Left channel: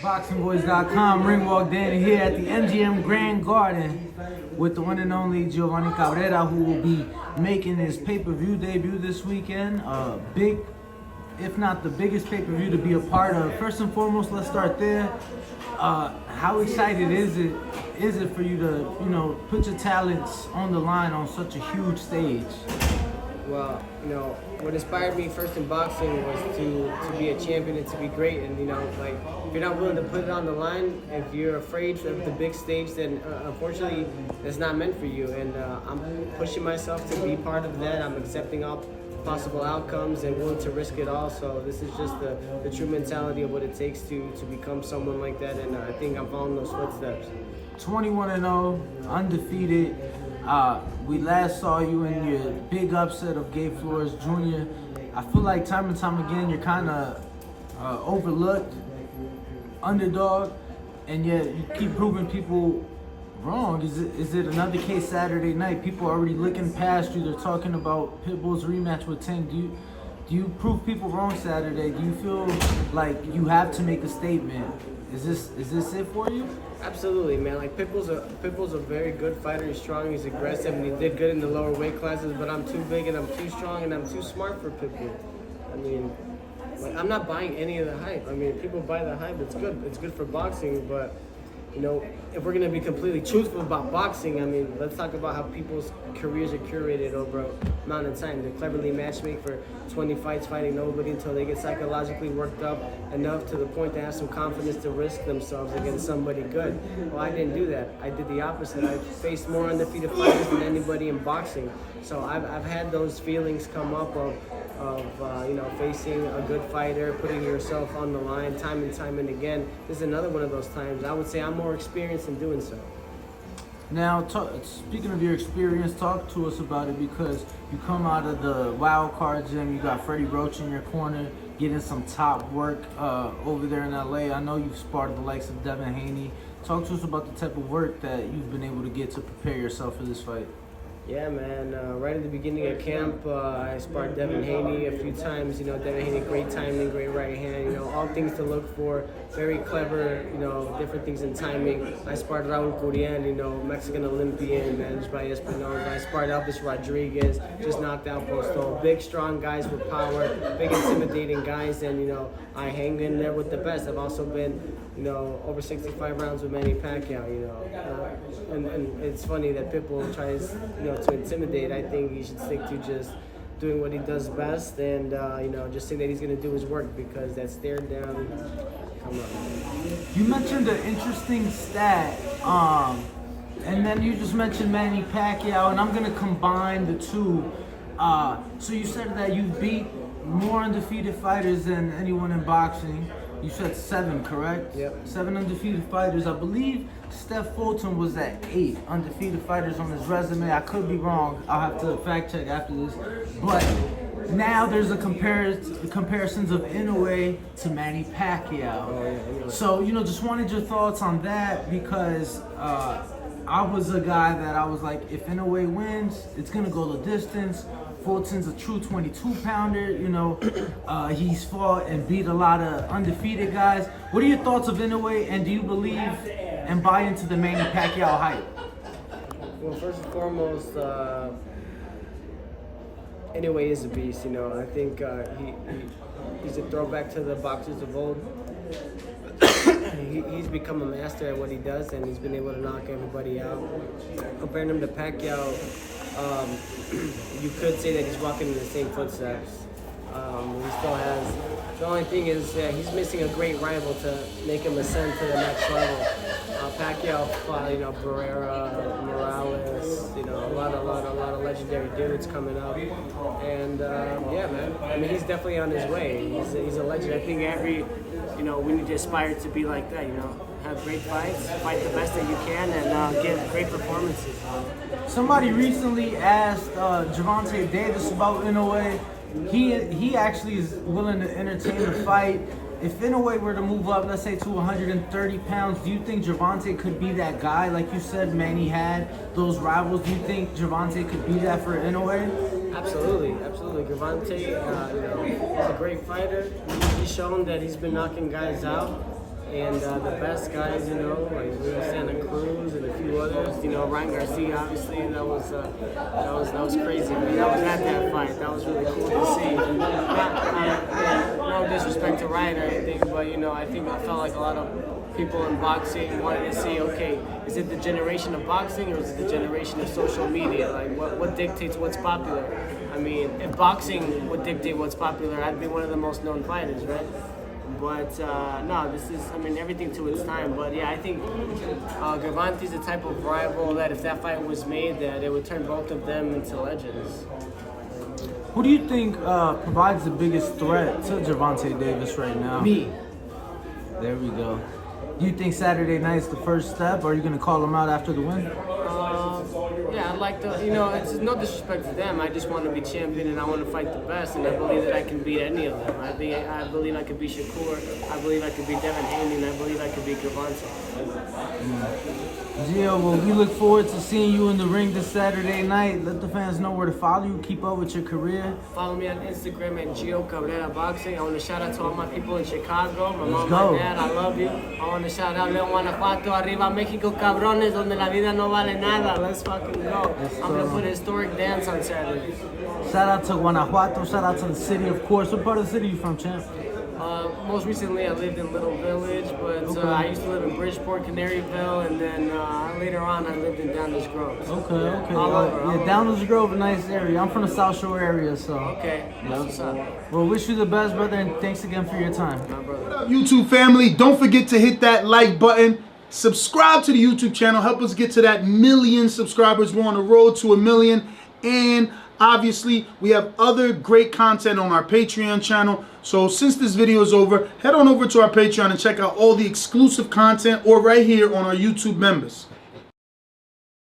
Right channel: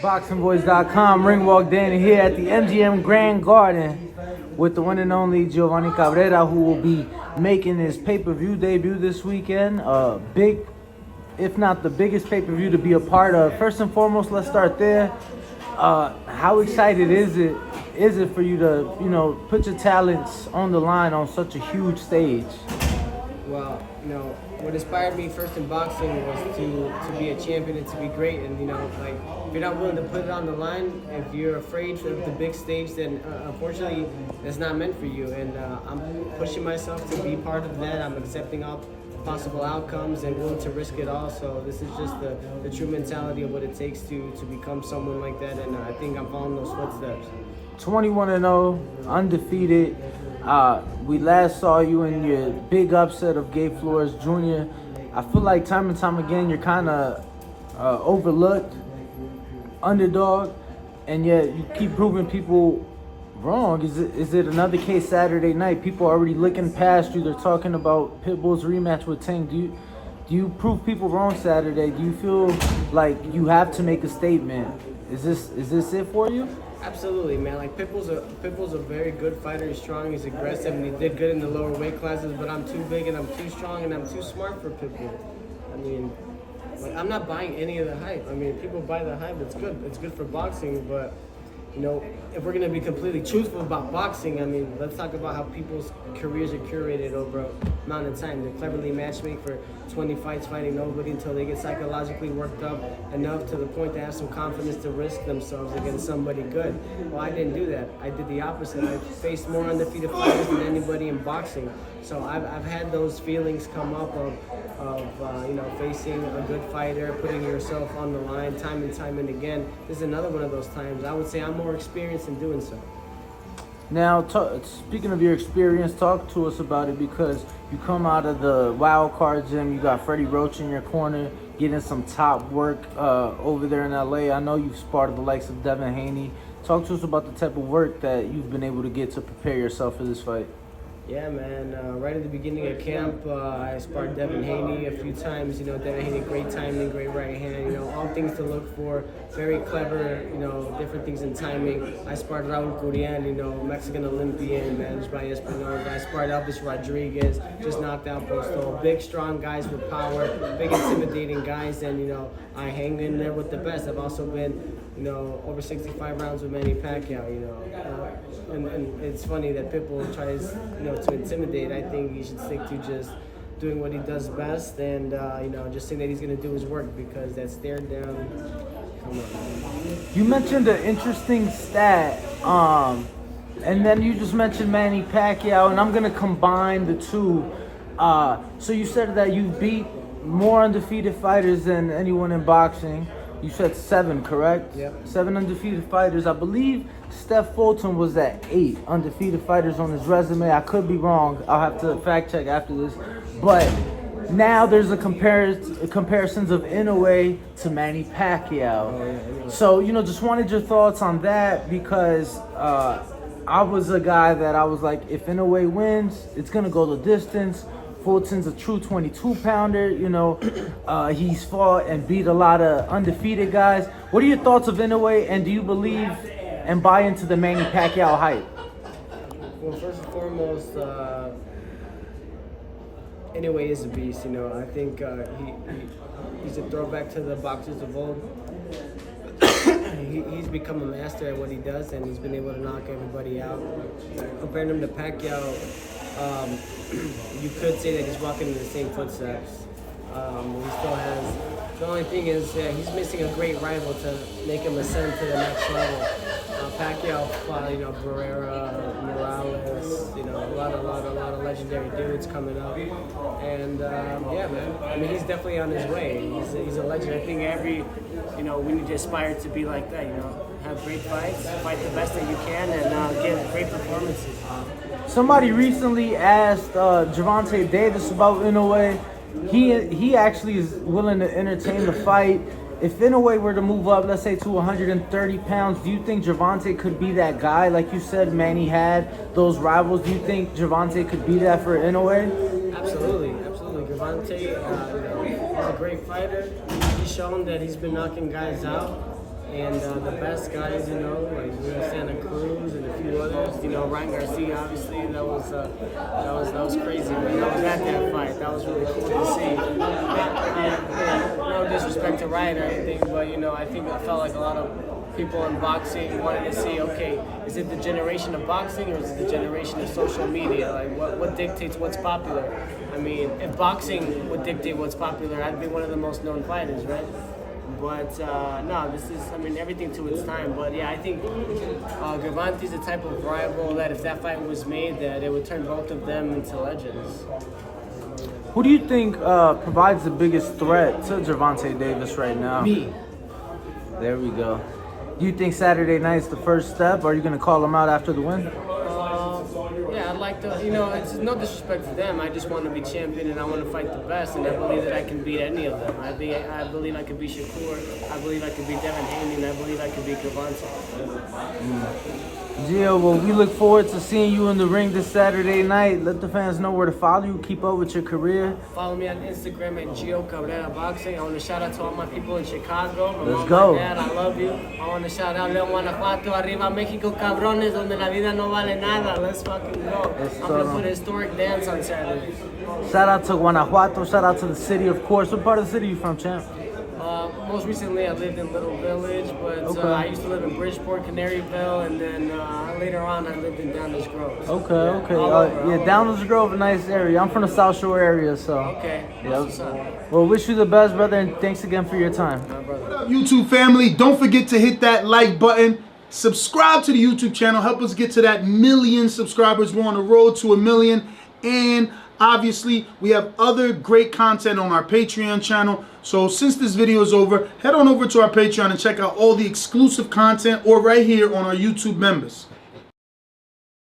ThaBoxingvoice.com. Ring walk Danny here at the MGM Grand Garden with the one and only Giovanni Cabrera, who will be making his pay-per-view debut this weekend. Big, if not the biggest pay-per-view to be a part of. First and foremost, let's start there. How excited is it for you to, put your talents on the line on such a huge stage? Well, what inspired me first in boxing was to be a champion and to be great. And, if you're not willing to put it on the line, if you're afraid of the big stage, then unfortunately, it's not meant for you. And I'm pushing myself to be part of that. I'm accepting all possible outcomes and willing to risk it all. So this is just the true mentality of what it takes to become someone like that. And I think I'm following those footsteps. 21-0, undefeated. We last saw you in your big upset of Gabe Flores Jr. I feel like time and time again you're kind of overlooked, underdog, and yet you keep proving people wrong. Is it another case Saturday night? People are already looking past you. They're talking about Pitbull's rematch with Tank. Do you prove people wrong Saturday? Do you feel like you have to make a statement? Is this it for you? Absolutely, man. Like Pitbull's a very good fighter. He's strong, he's aggressive, and he did good in the lower weight classes. But I'm too big and I'm too strong and I'm too smart for Pitbull. I mean, I'm not buying any of the hype. I mean, people buy the hype. It's good. It's good for boxing, but if we're gonna be completely truthful about boxing, I mean, let's talk about how people's careers are curated over a amount of time. They cleverly matchmake for 20 fights fighting nobody until they get psychologically worked up enough to the point to have some confidence to risk themselves against somebody good. Well, I didn't do that. I did the opposite. I faced more undefeated fighters than anybody in boxing. So I've had those feelings come up of facing a good fighter, putting yourself on the line time and again. This is another one of those times. I would say I'm more experienced in doing so. Now, speaking of your experience, talk to us about it, because you come out of the wild card gym, you got Freddie Roach in your corner, getting some top work over there in LA. I know you've sparred the likes of Dazn, Haney. Talk to us about the type of work that you've been able to get to prepare yourself for this fight. Yeah, man. Right at the beginning of camp, I sparred Dazn Haney a few times. Dazn Haney, great timing, great right hand. All things to look for. Very clever. Different things in timing. I sparred Raul Curian, Mexican Olympian, managed by Espinosa. I sparred Elvis Rodriguez, just knocked out Postol. Big, strong guys with power. Big, intimidating guys, and I hang in there with the best. I've also been over 65 rounds with Manny Pacquiao, and it's funny that Pitbull tries, to intimidate. I think he should stick to just doing what he does best and, just saying that he's going to do his work, because that stare down, come on. You mentioned an interesting stat, and then you just mentioned Manny Pacquiao, and I'm going to combine the two. So you said that you beat more undefeated fighters than anyone in boxing. You said 7, correct? Yep. 7 undefeated fighters. I believe Steph Fulton was at 8 undefeated fighters on his resume. I could be wrong. I'll have to fact check after this. But now there's a comparisons of Inoue to Manny Pacquiao. Oh, yeah, anyway. So, just wanted your thoughts on that, because I was a guy that I was like, if Inoue wins, it's going to go the distance. Fulton's a true 22-pounder. He's fought and beat a lot of undefeated guys. What are your thoughts of Inoue, and do you believe and buy into the Manny Pacquiao hype? Well, first and foremost, Inoue is a beast. I think he's a throwback to the boxers of old. He's become a master at what he does, and he's been able to knock everybody out. Comparing him to Pacquiao, you could say that he's walking in the same footsteps. He still has. The only thing is, he's missing a great rival to make him ascend to the next level. Pacquiao fought, Cabrera, Morales, a lot of legendary dudes coming up, and man. I mean, he's definitely on his way. He's a legend. I think we need to aspire to be like that. Have great fights, fight the best that you can, and give great performances. Somebody recently asked Gervonta Davis about Inoue. He actually is willing to entertain the fight. If Inoue were to move up, let's say to 130 pounds, do you think Gervonta could be that guy? Like you said, Manny had those rivals. Do you think Gervonta could be that for Inoue? Absolutely. Gervonta, he's a great fighter. He's shown that he's been knocking guys out. And the best guys, you know, like we were saying, Cruz and a few others, you know, Ryan Garcia, obviously, that was crazy, man. I was at that fight. That was really cool to see. No disrespect to Ryan or anything, but you know, I felt like a lot of people in boxing wanted to see, okay, is it the generation of boxing or is it the generation of social media? Like, what dictates what's popular? I mean, if boxing would dictate what's popular, I'd be one of the most known fighters, right? But no, this is, I mean, everything to its time. But yeah, I think Giovanni's the type of rival that if that fight was made, that it would turn both of them into legends. Who do you think provides the biggest threat to Gervonta Davis right now? Me. There we go. Do you think Saturday night's the first step? Or are you going to call him out after the win? Yeah, I'd like to, you know, it's no disrespect to them. I just want to be champion and I want to fight the best, and I believe that I can beat any of them. I believe I could beat Shakur, I believe I could beat Haney, and I believe I could beat Giovanni. Gio, well, we look forward to seeing you in the ring this Saturday night. Let the fans know where to follow you. Keep up with your career. Follow me on Instagram at Gio Cabrera Boxing. I want to shout out to all my people in Chicago. My Let's mom, go. my dad, I love you. I want to shout out León, Guanajuato, Arriba México, cabrones, donde la vida no vale nada. Let's fucking go. I'm going to put a historic dance on Saturday. Shout out to Guanajuato. Shout out to the city, of course. What part of the city are you from, champ? Most recently, I lived in Little Village, but I used to live in Bridgeport, Canaryville, and then later on, I lived in Downers Grove. Okay. All over. Downers Grove, a nice area. I'm from the South Shore area, so. Okay, that's what's up. Well, wish you the best, brother, and thanks again for your time. My brother. What up, YouTube family? Don't forget to hit that like button. Subscribe to the YouTube channel. Help us get to that 1 million subscribers. We're on the road to 1 million. And obviously, we have other great content on our Patreon channel. So since this video is over, head on over to our Patreon and check out all the exclusive content or right here on our YouTube members.